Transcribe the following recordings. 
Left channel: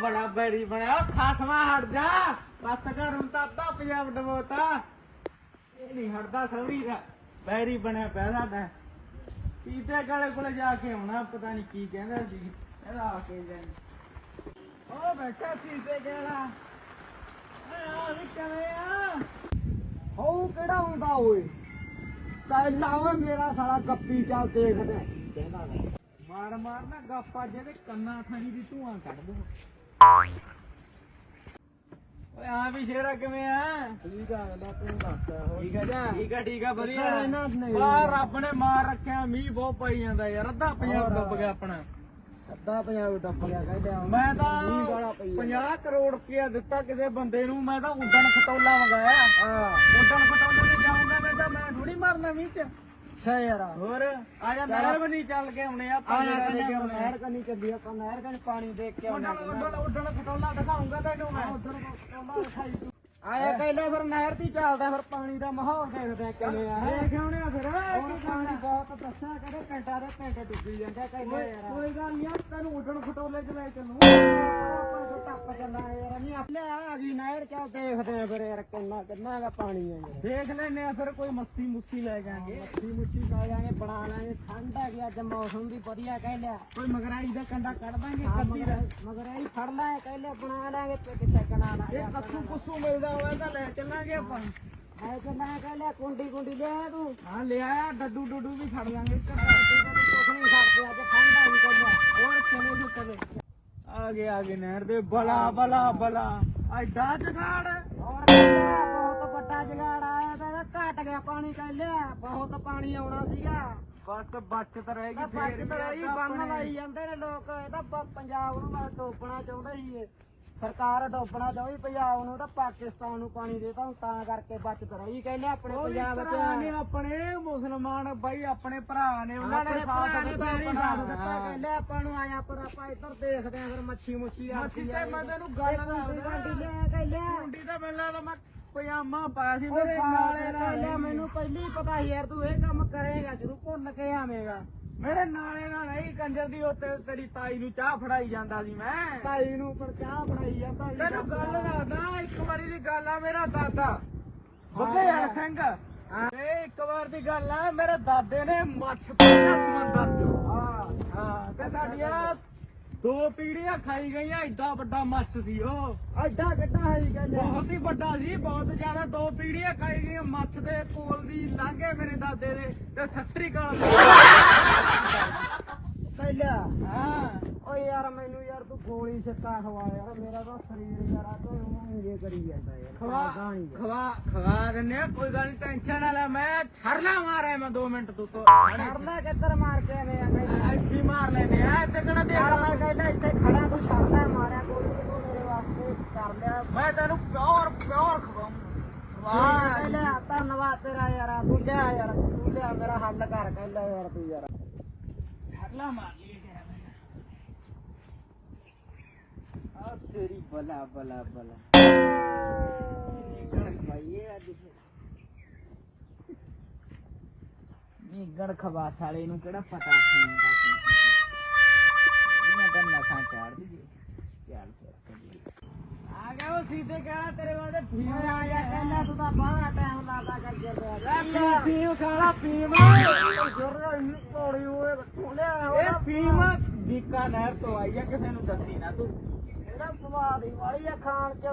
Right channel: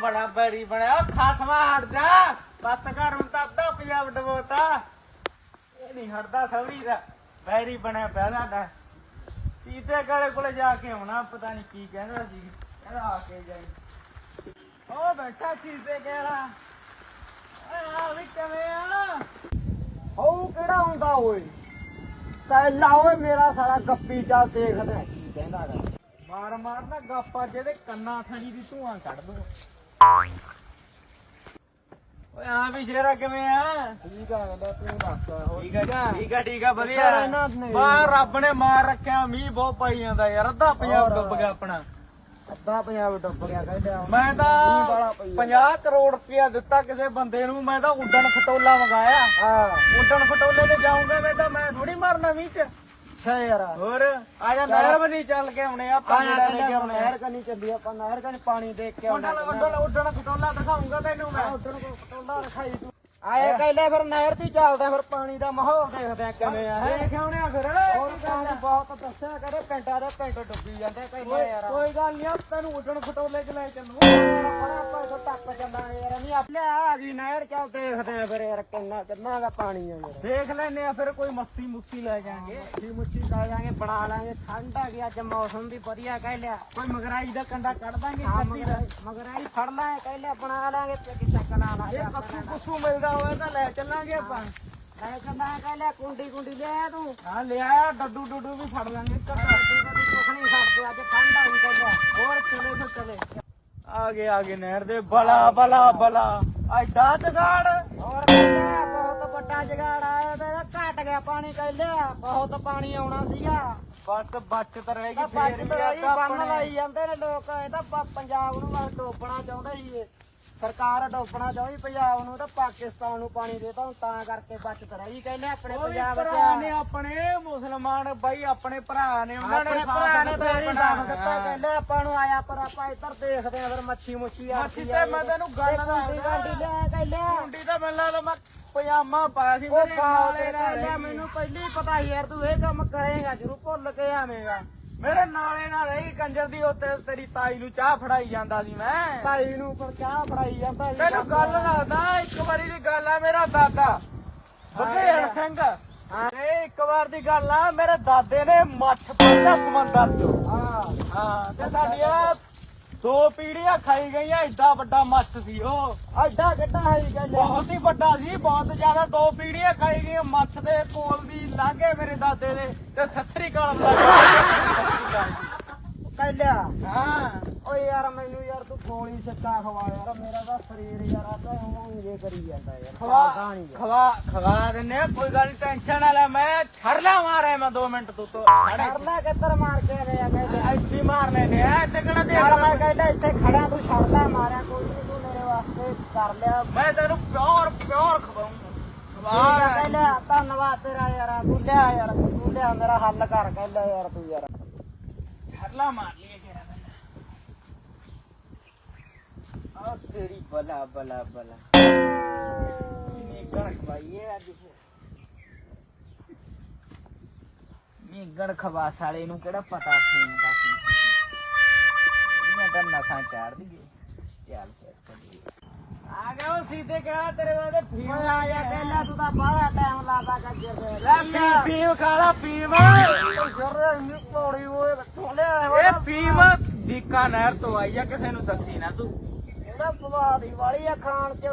ਬੜਾ ਬੈਰੀ ਬਣਿਆ ਖਸਮਾ ਹਟ ਜਾ। ਬਸ ਕਰ ਹੁਣ ਤਾਂ ਅੱਧਾ ਪੰਜਾਬ ਡਬੋਤਾ ਇਹ ਨਹੀਂ ਹਟਦਾ ਸੌਰੀ ਦਾ ਬੈਰੀ ਬਣਿਆ ਪਿਆ ਸਾਡਾ। ਕੀਤੇ ਗਲੇ ਕੋਲੇ ਜਾ ਕੇ ਆਉਣਾ ਪਤਾ ਨਹੀਂ ਕੀ ਕਹਿੰਦਾ ਸੀ। ਕਹਿੰਦਾ ਆ ਕੇ ਜਾਈ। ਉਹ ਬੈਠਾ ਚੀਤੇ ਕਿਹੜਾ ਆ ਵੀ ਕਿਵੇਂ ਆ? ਉਹ ਕਿਹੜਾ ਹੁੰਦਾ ਓਏ? ਪਹਿਲਾ ਓਏ ਮੇਰਾ ਸਾਲਾ ਗੱਪੀ ਚਾ ਦੇਖਦਾ। ਕਹਿੰਦਾ। ਮਾਰ ਮਾਰ ਨਾ ਗੱਪਾ ਜਿਹਦੇ ਕੰਨਾਂ ਥਾਣੀ ਦੀ ਧੂਆਂ ਕੱਢ ਦੋ। ਓਏ ਆ ਵੀ ਸ਼ੇਰਾ ਕਿਵੇਂ ਆ? ਠੀਕ ਆ ਹੁੰਦਾ ਤੂੰ ਦੱਸ ਹੋਰ ਠੀਕ ਆ ਠੀਕ ਆ? ਠੀਕ ਆ ਵਧੀਆ? ਬਾ ਰੱਬ ਨੇ ਮਾਰ ਰੱਖਿਆ ਮੀਂਹ ਬਹੁਤ ਪਾਈ ਜਾਂਦਾ ਯਾਰ ਅੱਧਾ ਪੰਜਾਬ ਡੁੱਬ ਗਿਆ ਆਪਣਾ। ਅੱਧਾ ਪੰਜਾਬ ਡੁੱਬ ਗਿਆ ਕਹਿੰਦੇ ਮੈਂ ਤਾਂ ਪਈ 50 ਕਰੋੜ ਰੁਪਇਆ ਦਿੱਤਾ ਕਿਸੇ ਬੰਦੇ ਨੂੰ ਮੈਂ ਤਾਂ ਉੱਡਣ ਖਟੋਲਾ ਮੰਗਾਇਆ। ਹਾਂ। ਉੱਡਣ ਖਟੋਲੇ ਤੇ ਜਾਊਂਗਾ ਮੈਂ ਤਾਂ ਮੈਂ ਥੋੜੀ ਮਰਨਾ ਮੀਂਹ ਚ। ਛੇ ਯਾਰ। ਹੋਰ? ਆ ਜਾ ਨਹਿਰ ਬਣੀ ਚੱਲ ਕੇ ਆਉਣੇ ਆ ਜਿਹੜਾ ਲੈ ਕੇ ਆਉਣੇ ਨਹਿਰ ਕਨੀ ਚੱਲੀ ਆਪਾਂ ਨਹਿਰ ਕਨੀ ਪਾਣੀ ਦੇਖ ਕੇ ਆਉਣਾ ਉੱਡਣ ਉੱਡਣ ਉੱਡਣ ਖਟੋਲਾ ਦਿਖਾਉਂਗਾ ਤੈਨੂੰ ਮੈਂ। ਕੋ ਪਟੋਲਾ ਦਿਖਾਈ ਤੂੰ। ਆਏ ਕਹਿੰਦੇ ਫਿਰ ਨਹਿਰ ਦੀ ਚੱਲਦੇ ਫਿਰ ਪਾਣੀ ਦਾ ਮਾਹੌਲ ਦੇਖਦੇ ਆ ਕਿਵੇਂ ਆ ਦੇਖ ਆਉਣੇ ਆ ਫਿਰ? ਹੋਰ ਪਾਣੀ ਬਹੁਤ ਦੱਸਿਆ ਕਰੇ ਪਿੰਡਾਂ ਦੇ ਪਿੰਡ ਡੁੱਬੀ ਜਾਂਦਾ ਕਹਿੰਦਾ ਯਾਰ। ਕੋਈ ਗੱਲ ਨਹੀਂ ਤੈਨੂੰ ਉੱਡਣ ਖਟੋਲੇ ਚ ਲੈ ਚੱਲੂ ਆਪਾਂ ਟੱਪ ਚੱਲਾਂਗੇ ਯਾਰ ਨਹੀਂ ਆਪਣੇ ਆ ਗਈ ਨਹਿਰ ਚੱਲ ਦੇਖਦੇ ਆ ਫਿਰ ਯਾਰ ਕਿੰਨਾ ਕਿੰਨਾ ਦਾ ਪਾਣੀ ਆ ਯਾਰ। ਦੇਖ ਲੈਨੇ ਆ ਫਿਰ ਕੋਈ ਮੱਸੀ ਮੁੱਸੀ ਲੈ ਜਾਾਂਗੇ ਦੀ ਮੁੱਠੀ ਲਾ ਜਾਾਂਗੇ ਬਣਾ ਲਾਂਗੇ। ਠੰਡ ਆ ਗਈ ਅੱਜ ਮੌਸਮ ਵੀ ਵਧੀਆ ਕਹਿ ਲਿਆ। ਕੋਈ ਮਗਰਾਈ ਦਾ ਕੰਡਾ ਕੱਢ ਦਾਂਗੇ ਹਾਂ ਕੱਤੀ ਦਾ। ਮਗਰ ਮਗਰ ਆਈ ਫੜ ਲੈ ਕਹਿ ਲਿਆ ਬਣਾ ਲਾਂਗੇ ਤੇ ਕਲਾ ਲਾ ਜੇ ਕੱਸੂ ਕੁੱਸੂ ਮਿਲਦਾ ਹੋਵੇ ਤਾਂ ਲੈ ਚੱਲਾਂਗੇ ਆਪਾਂ। ਲੈ ਚੱਲਾਂ ਕਹਿ ਲਿਆ ਕੁੰਡੀ ਕੁੰਡੀ ਲਿਆ ਤੂੰ। ਹਾਂ ਲਿਆ ਡੱਡੂ ਡੱਡੂ ਵੀ ਛੱਡ ਦਾਂਗੇ ਇੱਕ ਅੱਧਾ। ਕੁਛ ਨਹੀਂ ਸਕਦੇ ਅੱਜ ਠੰਡ ਆ ਗਈ ਕਹਿ ਲਿਆ। ਹੋਰ ਚਲੇ ਤੂੰ ਚਲੇ ਆ ਗਏ ਆ ਗਏ ਨਹਿਰ ਦੇ। ਬਲਾ ਬਲਾ ਬਲਾ। ਐਡਾ ਜਗਾੜ। ਹੋਰ ਬਹੁਤ ਵੱਡਾ ਜਗਾੜ ਆਇਆ ਤੇ ਇਹਦਾ ਘਟ ਗਿਆ ਪਾਣੀ ਕਹਿ ਲਿਆ। ਬਹੁਤ ਪਾਣੀ ਆਉਣਾ ਸੀਗਾ। ਬਸ ਬਚਤ ਰਹੇਗੀ ਤਾਂ ਫੇਰ ਬੱਜ ਵੀ ਬੰਨ ਆਪਣੇ- ਲਾਈ ਜਾਂਦੇ ਨੇ ਲੋਕ। ਇਹ ਤਾਂ ਪ- ਪੰਜਾਬ ਨੂੰ ਬਸ ਡੋਬਣਾ ਚਾਹੁੰਦੇ ਸੀ ਇਹ। ਸਰਕਾਰ ਡੋਬਣਾ ਚਾਹੁੰਦੀ ਪੰਜਾਬ ਨੂੰ ਤਾਂ ਪਾਕਿਸਤਾਨ ਨੂੰ ਪਾਣੀ ਦੇਤਾ ਹੁਣ ਤਾਂ ਕਰਕੇ ਬਚਤ ਰਹੀ ਕਹਿੰਦੇ ਆਪਣੇ ਪੰਜਾਬ ਭਰਾ ਨੇ ਵਿੱਚ ਆਪਣੇ ਮੁਸਲਮਾਨ ਬਾਈ ਆਪਣੇ ਭਰਾ ਨੇ ਉਹਨਾਂ ਨੇ ਆਪਣੇ ਸਾਥ ਭਰਾ ਨੇ ਦਿੱਤਾ। ਸਾਥ ਕਹਿੰਦੇ ਆਪਾਂ ਨੂੰ ਆਇਆ ਪਰ ਆਪਾਂ ਇੱਧਰ ਦੇਖਦੇ ਆ ਫਿਰ ਮੱਛੀ ਮੁੱਛੀ ਆ ਮੱਛੀ ਤੇ ਮੈਂ ਤੈਨੂੰ ਗੱਲ ਗਾਂਡੀ ਕਹਿੰਦੇ ਮੁੰਡੀ ਤਾਂ ਮਿਲਣਾ ਤਾਂ ਮੈਂ ਪਜਾਮਾ ਪਾਇਆ ਸੀ ਉਹ ਮੇਰੇ ਨਾਲੇ ਕਹਿੰਦੇ ਮੈਨੂੰ ਪਹਿਲੀ ਹੀ ਪਤਾ ਸੀ ਯਾਰ ਤੂੰ ਇਹ ਕੰਮ ਕਰੇਗਾ ਜਰੂਰ ਭੁੱਲ ਕੇ ਆਵੇਂਗਾ। ਮੇਰੇ ਨਾਲੇ ਨਾਲ ਰਹੀ ਕੰਜਰ ਦੀ ਉੱਤੇ ਤੇਰੀ ਤਾਈ ਨੂੰ ਚਾਹ ਫੜਾਈ ਜਾਂਦਾ ਸੀ ਮੈਂ। ਭਾਈ ਨੂੰ ਪਰ ਚਾਹ ਫੜਾਈ ਜਾਂਦਾ ਸੀ। ਤੈਨੂੰ ਗੱਲ ਦੱਸਦਾ ਇੱਕ ਵਾਰੀ ਦੀ ਗੱਲ ਆ ਮੇਰਾ ਦਾਦਾ। ਬਗੇੜ ਸਿੰਘ। ਤੇ ਇੱਕ ਵਾਰ ਦੀ ਗੱਲ ਆ ਮੇਰੇ ਦਾਦੇ ਨੇ ਮੱਛ ਫੜਿਆ ਸਮੁੰਦਰ ਤੋਂ ਹਾਂ। ਹਾਂ ਤੇ ਸਾਡੀਆਂ ਦੋ ਪੀੜੀਆਂ ਖਾਈ ਗਈਆਂ ਐਡਾ ਵੱਡਾ ਮੱਛ ਸੀ ਉਹ। ਐਡਾ ਕਿੱਡਾ ਹੈ ਜੀ ਕਹਿੰਦੇ? ਬਹੁਤ ਹੀ ਵੱਡਾ ਸੀ ਬਹੁਤ ਜ਼ਿਆਦਾ ਦੋ ਪੀੜੀਆਂ ਖਾਈ ਗਈਆਂ ਮੱਛ ਦੇ ਕੋਲ ਦੀ ਲਾਗੇ ਮੇਰੇ ਦਾਦੇ ਦੇ ਤੇ ਸੱਤਰੀ ਕਾਲ ਲਿਆ ਹਾਂ ਓਏ ਯਾਰ ਮੈਨੂੰ ਯਾਰ ਤੂੰ ਗੋਲੀ ਸਿੱਕਾ ਖਵਾ ਯਾਰ। ਮੇਰਾ ਤਾਂ ਸਰੀਰ ਯਾਰ ਆ ਤਾਂ ਉਂਗੇ ਕਰੀ ਜਾਂਦਾ ਯਾਰ। ਖਵਾ। ਖਵਾ ਖਵਾ ਦਿੰਨੇ ਆ, ਕੋਈ ਗੱਲ ਨੀ ਟੈਨਸ਼ਨ ਨਾ ਲੈ। ਮੈਂ ਛਰਲਾ ਮਾਰਿਆ ਮੈਂ 2 ਮਿੰਟ ਤੂੰ ਤੋਂ ਲੈ ਕਿੱਧਰ ਮਾਰ ਕੇ ਆਵੇ ਆ ਕਹਿੰਦੇ ਇੱਥੇ ਮਾਰ ਲੈਨੇ ਆ ਇੱਥੇ ਕਿਹੜਾ ਯਾਰ ਮੈਂ ਦੇਖ ਕਹਿੰਦਾ ਇੱਥੇ ਖੜਾ ਤੂੰ ਛੱਡਦਾ ਮਾਰਿਆ ਕੋਈ ਨੀ ਤੂੰ ਮੇਰੇ ਵਾਸਤੇ ਕਰ ਲਿਆ। ਮੈਂ ਤੈਨੂੰ ਪਿਓਰ ਪਿਓਰ ਖਵਾਉਂਗਾ। ਖਵਾ। ਲਿਆ ਧੰਨਵਾਦ ਤੇਰਾ ਯਾਰ ਤੂੰ ਲਿਆ ਯਾਰ ਤੂੰ ਲਿਆ ਮੇਰਾ ਹੱਲ ਕਰ ਕਹਿ ਲਿਆ ਯਾਰ ਤੂੰ ਯਾਰ। ਛਰਲਾ ਮਾਰ ਲਈਏ ਕਿਹੜਾ ਪਹਿਲਾਂ ਆ ਤੇਰੀ ਬਲਾ ਬਲਾ ਬਲਾ। ਨੀਗਣ ਖਵਾਈਏ ਅੱਜ। ਨੀਗਣ ਖਵਾ ਸਾਲੇ ਨੂੰ ਕਿਹੜਾ ਪਤਾ ਸੀ ਹੁੰਦਾ ਸੀ ਮੈਂ ਤਾਂ ਨਸਾਂ ਚਾੜ ਦਈਏ। ਚੱਲ ਫਿਰ, ਚੱਲੀਏ। ਆ ਗਿਆ ਉਹ ਸੀਧੇ ਕਹਿਣਾ ਤੇਰੇ ਵਾਲੇ ਫੀਮ ਓਏ ਆ ਜਾ ਕਹਿ ਲਿਆ ਤੂੰ ਤਾਂ ਬਾਹਲਾ ਟਾਈਮ ਲਾਦਾ ਕੰਜਰ ਦੇ। ਲੈ ਫੀਮ ਫੀਮ ਖਾ ਲਾ ਫੀਮ। ਜਰ ਨੂੰ ਪੌੜੀ ਓਏ ਲਿਆ ਇਹ ਫੀਮ ਬੀਕਾਨੇਰ ਤੋਂ ਆਈ ਆ ਕਿਸੇ ਨੂੰ ਦੱਸੀ ਨਾ ਤੂੰ। ਇਹਦਾ ਸਵਾਦ ਹੀ ਵਾਲੀ ਆ ਖਾਣ ਚ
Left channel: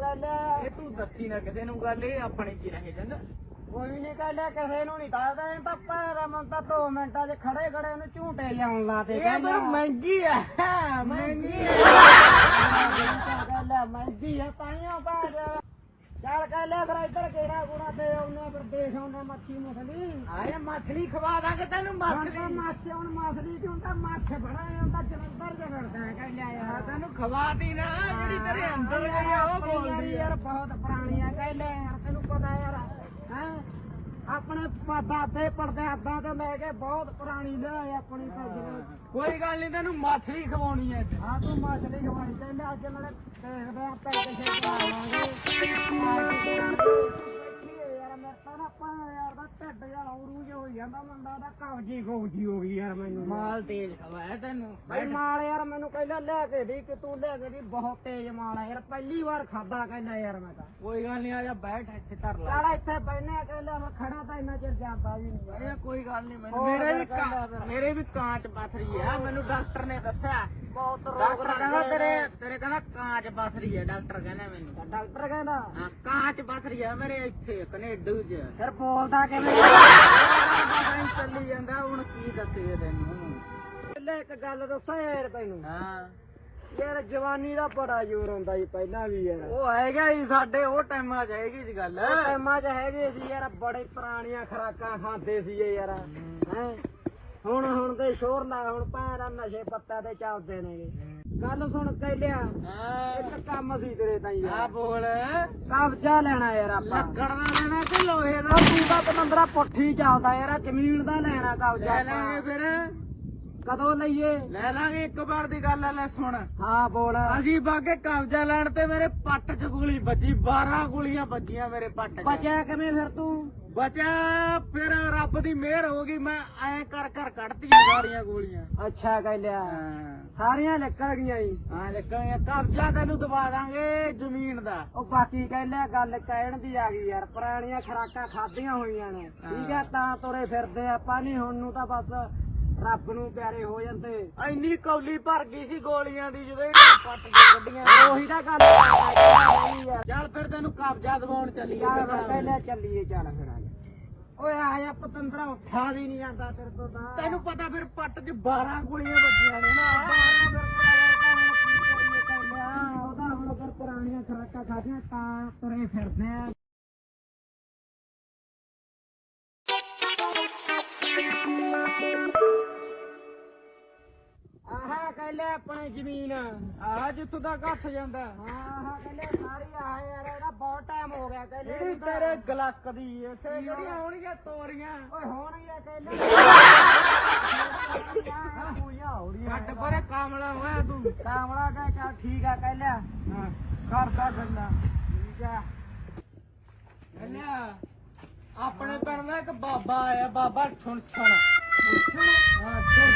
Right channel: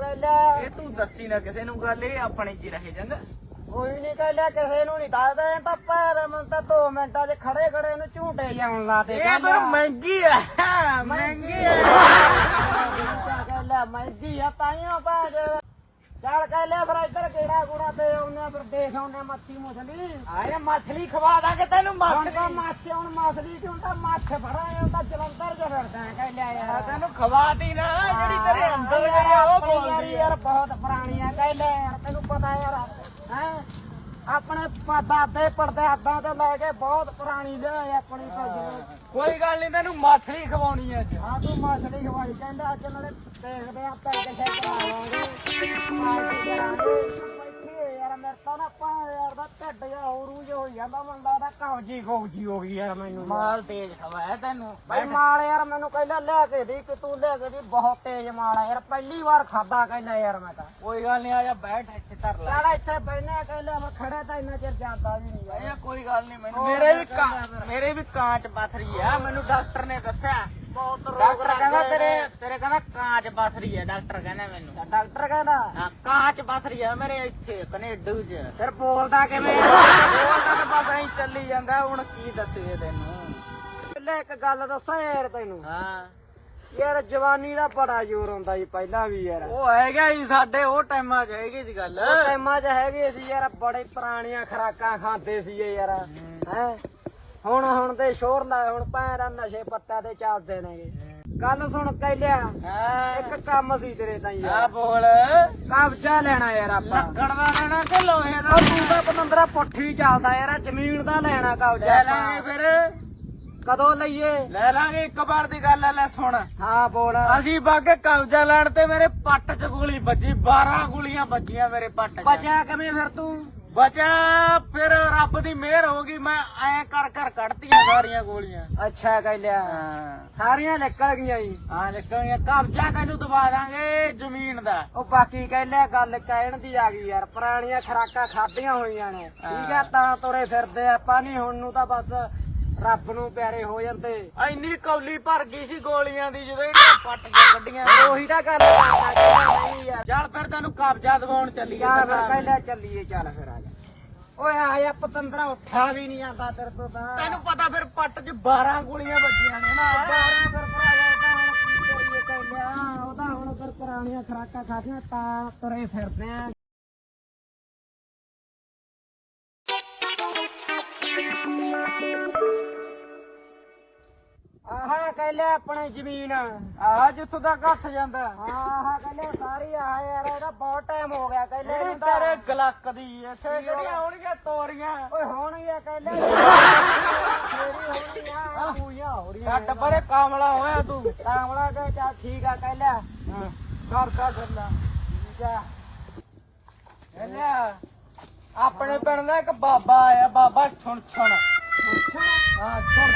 ਇਹ ਤੂੰ ਦੱਸੀ ਨਾ ਕਿਸੇ ਨੂੰ ਗੱਲ ਇਹ ਆਪਣੇ ਚ ਰਹੇ ਕੋਈ ਨਹੀਂ ਕਹਿ ਲਿਆ ਕਿਸੇ ਨੂੰ ਨਹੀਂ ਦੱਸਦਾ ਇਹ ਤਾਂ ਪੈਰ ਮਨ ਤਾਂ 2 ਮਿੰਟਾਂ 'ਚ ਖੜੇ ਖੜੇ ਨੂੰ ਝੂਟੇ ਜਾਣ ਲਾਤੇ ਇਹ ਪਰ ਮਹਿੰਗੀ ਹੈ ਮਹਿੰਗੀ ਹੈ ਲਿਆ ਮੈਦੀ ਆ ਤਾਈਆਂ ਬਾਜ। ਚੱਲ ਕਹਿ ਲਿਆ ਫਿਰ ਇੱਧਰ ਕਿਹੜਾ ਕੂੜਾ ਤੇ ਆਉਨੇ ਫਿਰ ਦੇਖ ਆਉਨੇ ਮੱਛੀ ਮੁਛਲੀ। ਆਇਆ ਮੱਛਲੀ ਖਵਾ ਦਾਂਗੇ ਤੈਨੂੰ ਹੁਣ ਤਾਂ ਮੱਛ ਹੁਣ ਮਛਲੀ ਹੁਣ ਤਾਂ ਮੱਛ ਫੜਾਏ ਹੁਣ ਤਾਂ ਜਲੰਧਰ ਚ ਫਿਰਦਾ ਕਹਿ ਲਿਆ ਯਾਰ। ਤੈਨੂੰ ਖਵਾਤੀ ਨਾ ਜਿਹੜੀ ਤੇਰੇ ਅੰਦਰ ਗਈ ਆ ਉਹ ਬੋਲਦੀ ਯਾਰ ਬਹੁਤ ਪੁਰਾਣੀ ਆ ਕਹਿ ਲੈ ਯਾਰ ਤੈਨੂੰ ਪਤਾ ਯਾਰ। ਹੈ? ਆਪਣੇ ਪ- ਦਾਦੇ ਪੜਦਾਦਾਂ ਤੋਂ ਲੈ ਕੇ ਬਹੁਤ ਪੁਰਾਣੀ ਲਿਆਏ ਆਪਣੀ ਤਾਂ ਜਿਵੇਂ ਕੋਈ ਗੱਲ ਨਹੀਂ ਤੈਨੂੰ ਮੱਛਲੀ ਖਵਾਉਣੀ ਹੈ ਅੱਜ। ਹਾਂ ਤੂੰ ਮਛਲੀ ਖਵਾਈ। ਕਹਿੰਦੇ ਅੱਜ ਨਾਲੇ ਦੇਖਦੇ ਆ ਬੈਠੀ ਹੋਈ ਯਾਰ ਮੇਰੇ ਤਾਂ ਨਾ ਪਾ ਦਾ ਢਿੱਡ ਜਾ ਹੋਰੂ ਜਿਹਾ ਹੋਈ ਜਾਂਦਾ ਮੁੰਡਾ ਦਾ ਕਬਜੀ ਖੋਜੀ ਹੋ ਗਈ ਯਾਰ ਮੈਨੂੰ ਯਾਰ। ਮਾਲ ਤੇਜ਼ ਖਵਾਇਆ ਤੈਨੂੰ। ਬਈ ਮਾਲ ਯਾਰ ਮੈਨੂੰ ਕਹਿੰਦਾ ਲਿਆ ਕੇ ਦੇ ਕਿ ਤੂੰ ਲਿਆ ਕੇ ਦੀ ਬਹੁਤ ਤੇਜ਼ ਮਾਲ ਆ ਯਾਰ ਪਹਿਲੀ ਵਾਰ ਖਾਦਾ ਕਹਿੰਦਾ ਯਾਰ ਮੈਂ ਤਾਂ। ਕੋਈ ਗੱਲ ਨਹੀਂ ਆ ਜਾ ਬੈਠ ਇੱਥੇ ਧਰ ਲੈ। ਚੱਲ ਇੱਥੇ ਬੈਠਨੇ ਕਹਿੰਦਾ ਮੈਂ ਖੜਾ ਤਾਂ ਇੰਨਾ ਚਿਰ ਜਾਂਦਾ ਵੀ ਨਹੀਂ ਇਹ ਯਾਰ ਕੋਈ ਗੱਲ ਨਹੀਂ ਮੈਨੂੰ ਮੇਰੇ ਵੀ। ਮੇਰੇ ਵੀ ਕਾਂਚ ਪਥਰੀ ਆ ਮੈਨੂੰ ਡਾਕਟਰ ਨੇ ਦੱਸਿਆ। ਬਹੁਤ ਰੋਗ ਡਾਕਟਰ ਕਹਿੰਦਾ ਲੱਗੇ ਤੇਰੇ। ਤੇਰੇ ਕਹਿੰਦਾ ਕਾਂਚ ਪਥਰੀ ਆ ਡਾਕਟਰ ਕਹਿੰਦਾ ਮੈਨੂੰ। ਡਾਕਟਰ ਕਹਿੰਦਾ। ਹਾਂ ਕਾਂਚ ਪਥਰੀ ਆ ਮੇਰੇ ਇੱਥੇ ਕੈਨੇਡਾ 'ਚ। ਫਿਰ ਬੋਲਦਾ ਕਿਵੇਂ ਉਹ ਕਹਿੰਦਾ ਬਸ ਐਂ ਚੱਲੀ ਜਾਂਦਾ ਹੁਣ ਕੀ ਦੱਸੇ ਤੈਨੂੰ ਪਹਿਲੇ ਇੱਕ ਗੱਲ ਦੱਸਾਂ ਯਾਰ ਤੈਨੂੰ। ਹਾਂ ਯਾਰ ਜਵਾਨੀ ਦਾ ਬੜਾ ਜ਼ੋਰ ਹੁੰਦਾ ਸੀ ਪਹਿਲਾਂ ਵੀ ਯਾਰ। ਉਹ ਹੈਗਾ ਜੀ ਸਾਡੇ ਉਹ ਟਾਈਮਾਂ 'ਚ ਹੈਗੀ ਜੀ ਗੱਲ। ਉਹ ਟਾਈਮਾਂ 'ਚ ਹੈਗੇ ਸੀ ਯਾਰ ਬੜੇ ਪੁਰਾਣੀਆਂ ਖਰਾਕਾਂ ਖਾਂਦੇ ਸੀ ਯਾਰ। ਹੈ। ਹੁਣ ਹੁਣ ਤੇ ਸ਼ੋਰ ਨਾ ਹੁਣ ਪੈਰਾਂ ਨਸ਼ੇ ਪੱਤਾ ਤੇ ਚੱਲਦੇ ਨੇਗੇ। ਗੱਲ ਸੁਣ ਕਹਿਲਿਆ ਹਾਂ। ਇੱਕ ਕੰਮ ਸੀ ਤੇਰੇ ਤਾਂ ਆ ਯਾਰ ਬੋਲ। ਕਬਜ਼ਾ ਲੈਣਾ ਯਾਰ ਆਪਾਂ। ਲੱਕੜ ਦਾ ਲੈਣਾ ਕਿ ਲੋਹੇ ਦਾ? ਉਹ ਤੂੰ ਤਾਂ ਪਨੰਦਰਾ ਪੁੱਠੀ ਚੱਲਦਾ ਯਾਰ ਜ਼ਮੀਨ ਦਾ ਲੈਣਾ ਕਬਜ਼ਾ ਲੈ ਆਪਾਂ। ਲਾਂਗੇ ਫਿਰ। ਕਦੋਂ ਲਈਏ? ਲੈ ਲਾਂਗੇ ਇੱਕ ਵਾਰ ਦੀ ਗੱਲ ਆ ਲੈ ਸੁਣ। ਹਾਂ ਬੋਲ। ਅਸੀਂ ਬਾਗੇ ਕਬਜ਼ਾ ਲੈਣ ਤੇ ਮੇਰੇ ਪੱਟ 'ਚ ਗੋਲੀ ਵੱਜੀ 12 ਗੋਲੀਆਂ ਵੱਜੀਆਂ ਮੇਰੇ ਪੱਟ 'ਚ। ਬਚਿਆ ਕਿਵੇਂ ਫਿਰ ਤੂੰ? ਬਚਾ ਫਿਰ ਰੱਬ ਦੀ ਮਿਹਰ ਹੋ ਗਈ ਮੈਂ ਐ ਕਰ ਕਰ ਕੱਢਤੀਆਂ ਸਾਰੀਆਂ ਗੋਲੀਆਂ। ਅੱਛਾ ਕਹਿਲਿਆ ਹਾਂ। ਸਾਰੀਆਂ ਨਿਕਲ ਗਈਆਂ ਜੀ। ਆ ਨਿਕਲੀਆਂ ਕਬਜ਼ਾ ਤੈਨੂੰ ਦਵਾ ਦਾਂਗੇ ਜ਼ਮੀਨ ਦਾ। ਉਹ ਬਾਕੀ ਕਹਿਲਿਆ ਗੱਲ ਕਹਿਣ ਦੀ ਆ ਗਈ ਯਾਰ। ਪੁਰਾਣੀਆਂ ਖਰਾਕਾਂ ਖਾਧੀਆਂ ਹੋਈਆਂ ਨੇ। ਠੀਕ ਆ ਤਾਂ ਤੁਰੇ ਫਿਰਦੇ ਆਪਾਂ ਨਹੀਂ ਹੁਣ ਨੂੰ ਤਾਂ ਬਸ ਰੱਬ ਨੂੰ ਪਿਆਰੇ ਹੋ ਜਾਂਦੇ। ਇੰਨੀ ਕੌਲੀ ਭਰ ਗਈ ਸੀ ਗੋਲੀਆਂ ਦੀ ਜਦੋਂ ਇਹਨਾਂ ਪੱਟ ਕੇ ਕੱਢੀਆਂ ਉਹੀ ਤਾਂ ਗੱਲ ਨਹੀਂ ਯਾਰ ਚੱਲ ਫਿਰ ਤੈਨੂੰ ਕਬਜ਼ਾ ਦਵਾਉਣ ਚੱਲੀਏ ਚੱਲ ਫਿਰ ਫਿਰ। ਕਹਿਲਿਆ ਚੱਲੀਏ ਚੱਲ ਫਿਰ ਆ ਜਾ। ਓਏ ਆ ਜਾ ਪਤੰਦਰਾ ਉੱਠਿਆ ਵੀ ਨਹੀਂ ਜਾਂਦਾ ਤੇਰੇ ਤੋਂ ਤਾਂ। ਤੈਨੂੰ ਪਤਾ ਫਿਰ ਪੱਟ 'ਚ 12 ਗੋਲੀਆਂ ਵੱਜੀਆਂ ਨੇ ਨਾ। ਫਿਰ ਭਰਾਵਾ ਤਾਂ ਹੁਣ ਕੀ ਕਰੀਏ ਕਹਿਲਿਆ ਉਹਦਾ ਹੁਣ ਫਿਰ ਪੁਰਾਣੀਆਂ ਖਰਾਕਾਂ ਖਾਧੀਆਂ ਤਾਂ ਤੁਰੇ ਫਿਰਦੇ ਆ। ਆਹਾ ਕਹਿਲੇ ਆਪਣੀ ਜ਼ਮੀਨ। ਜਿੱਥੋਂ ਜਾਂਦਾ। ਆਹਾ ਕਹਿਲੇ ਸਾਰੀ ਆਹ ਯਾਰ ਇਹਦਾ ਬਹੁਤ ਟਾਈਮ ਹੋ ਗਿਆ ਕਹਿਲੇ ਜਿਹੜੀ ਇਹਨੂੰ ਤਾਂ। ਤੇਰੇ ਗਲੱਕ ਦੀ ਇੱਥੇ ਕੀ ਜਿਹੜੀਆਂ ਹੋਣਾ? ਹੋਣਗੀਆਂ ਤੋਰੀਆਂ। ਓਏ ਹੋਣਗੀਆਂ ਕਹਿਲੇ ਹੋਣਗੀਆਂ ਪੂਜਾ ਹੋ ਰਹੀਆਂ ਛੱਡ ਪਰੇ ਕਾਮਲਾ ਹੋਇਆ ਤੂੰ। ਕਾਮਲਾ ਕਹ ਚਾ ਠੀਕ ਆ ਕਹਿਲੇ ਹਾਂ ਕਰ ਕਰ ਠੀਕ ਆ। ਲਿਆ ਆਪਣੇ ਪਿੰਡ ਦਾ ਇੱਕ ਬਾਬਾ ਆਇਆ ਬਾਬਾ ਛੁਣ ਛੁਣ। ਹਾਂ ਛੁਣ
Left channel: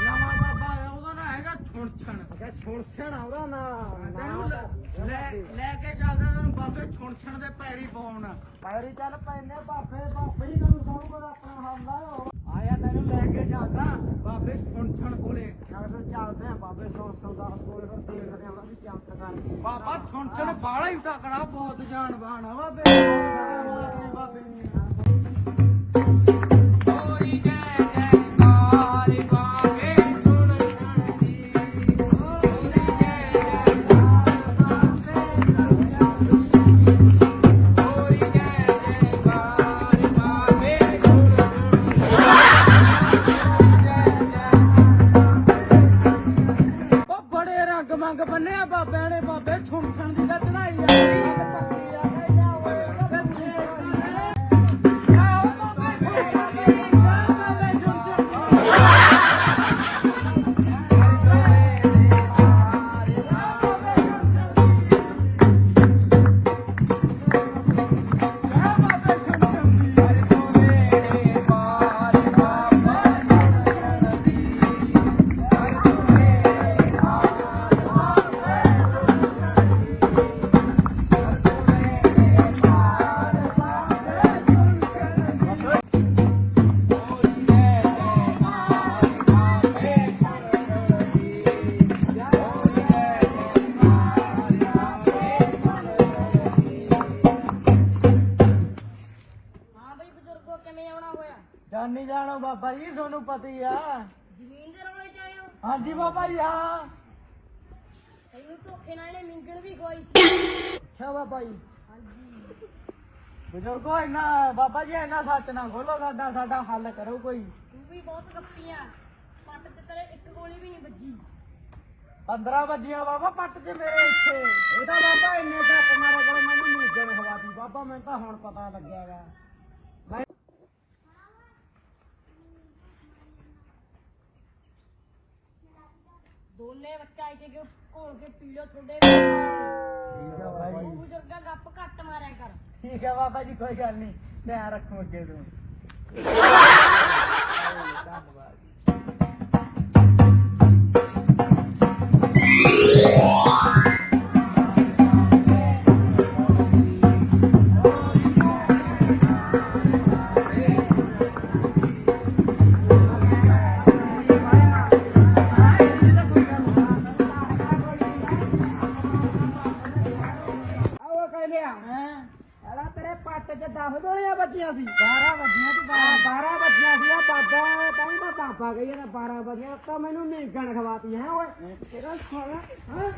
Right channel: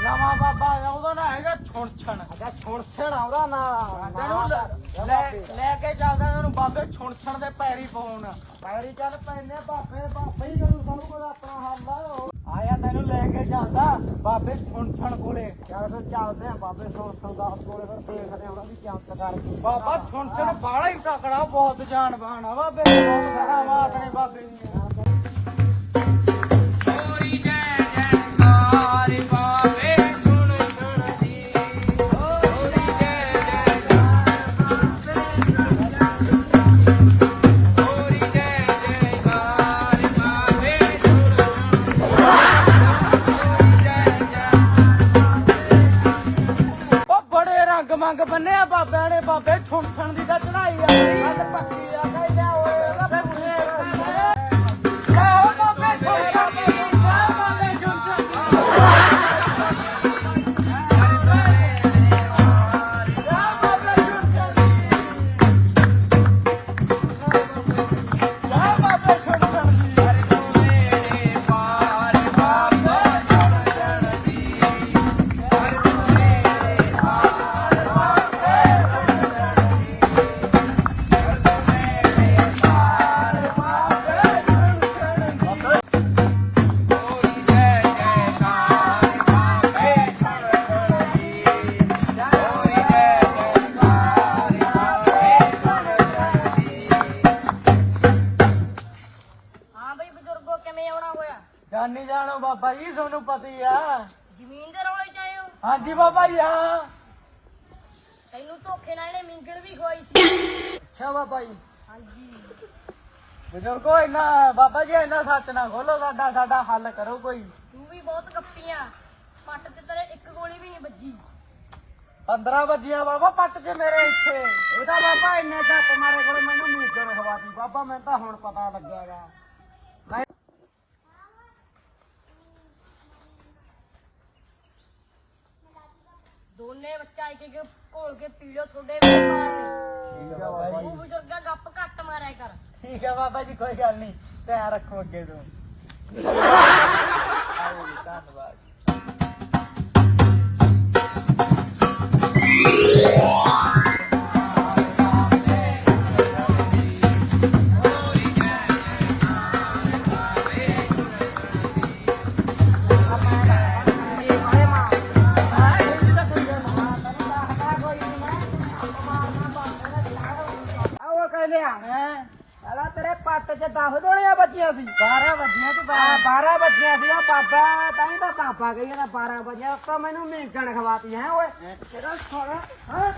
ਨਵਾਂ ਬਾਬਾ ਆਇਆ ਉਹਦਾ ਨਾਂ ਹੈਗਾ ਛੁਣ ਅੱਛਾ ਛੁਣ ਆਉਂਦਾ ਨਾ ਤੈਨੂੰ ਲੈ- ਲੈ ਲੈ ਕੇ ਚੱਲਦਾ ਤੈਨੂੰ ਬਾਬੇ ਛੁਣ ਦੇ ਪੈਰੀ ਪਾਉਣ ਪੈਰੀ ਚੱਲ ਪੈਨੇ ਬਾਬੇ ਬਾਬੇ ਹੀ ਕਰੂ ਸਭ ਕੁਝ ਆਪਣਾ ਹੱਲ ਆ ਉਹ। ਆਇਆ ਤੈਨੂੰ ਲੈ ਕੇ ਚੱਲਦਾ ਬਾਬੇ ਛੁਣ ਕੋਲੇ ਚੱਲ ਫਿਰ ਚੱਲਦੇ ਆ ਬਾਬੇ ਸੌ ਸੌ ਕੋਲੇ ਫਿਰ ਦੇਖਦੇ ਆ ਉਹਨਾਂ ਦੀ ਚਮਤਕਾਰ ਕੀ ਬਾਬਾ ਛੁਣ ਛੁਣ ਹੀ ਤਕੜਾ, ਬਹੁਤ ਜਾਨਬਾਨ ਆ ਬਾਬੇ ਸਾਰਾ ਮਾਤਨੇ ਬਾਬੇ ਮੰਗ ਬੰਨੇ ਆ ਬਾਬਿਆਂ ਨੇ, ਬਾਬੇ ਛੁਣ ਛੁਣ ਦੀ ਤਾਂ ਚੜਾਈ ਆ। ਹੱਥ ਪੱਕੀ ਆ। ਹਾਂਜੀ ਬਾਬਾ ਜੀ ਹਾਂ। ਤੈਨੂੰ ਧੋਖੇ ਨਾਲ ਇਹਨੇ ਮਿੰਗਲ ਵੀ ਖਵਾਈ ਸੀ। ਅੱਛਾ ਬਾਬਾ ਜੀ। ਹਾਂਜੀ। ਬਜ਼ੁਰਗੋ ਇੰਨਾ ਬਾਬਾ ਜੀ ਇੰਨਾ ਸੱਚ ਨਾ ਖੋਲੋ ਸਾਡਾ ਸਾਡਾ ਹੱਲ ਕਰੋ ਕੋਈ। ਤੂੰ ਵੀ ਬਹੁਤ ਗੱਪੀਆਂ। ਪੱਟ ਤੇ ਤੇਰੇ ਇੱਕ ਗੋਲੀ ਵੀ ਨਹੀਂ ਵੱਜੀ। 15 ਵਜੀਆਂ ਬਾਬਾ ਪੱਟ ਕੇ ਮੇਰੇ ਇੱਥੇ। ਉਹਦਾ ਬਾਬਾ ਇੰਨੇ ਤੱਕ ਮਾਰੇ ਕੋਲ ਮੈਨੂੰ ਨੀਂਦਣ ਹਵਾਤੀ ਬਾਬਾ ਮੈਨੂੰ ਤਾਂ ਹੁਣ ਪਤਾ ਲੱਗਿਆਗਾ। ਦੋਨੇ ਬੱਚਾ ਇੱਕ ਇੱਕ ਘੋਲ ਕੇ ਪੀੜੋ ਤੁਹਾਡੇ ਠੀਕ ਆ ਬਾਬਾ ਤੂੰ ਜੀ ਬਜ਼ੁਰਗਾ ਗੱਪ ਘੱਟ ਮਾਰਿਆ ਕਰ। ਠੀਕ ਆ ਬਾਬਾ ਜੀ ਕੋਈ ਗੱਲ ਨਹੀਂ। ਧਿਆਨ ਰੱਖੋ ਅੱਗੇ ਤੋਂ। ਧੰਨਵਾਦ। ਆਓ ਕਹਿੰਦੇ ਆ ਹੈ। ਸਾਲਾ ਤੇਰੇ ਪੱਟ 'ਚ 10 ਗੋਲੀਆਂ ਵੱਜੀਆਂ ਸੀ। 12 ਵਜੀਆਂ ਤੇ 12 ਵੱਜੀਆਂ ਸੀ। ਉਹ ਬਾਬਾ ਤਾਂ ਹੀ ਤਾਂ ਪਾਪਾ ਕਹੀ ਜਾਂਦਾ 12 ਵੱਜਿਆ। ਤਾਂ ਮੈਨੂੰ ਮੀਂਗਣ ਖਵਾਤੀ ਹੈ ਓਏ। ਤੇਰਾ ਸਾਲਾ ਹਾਂ।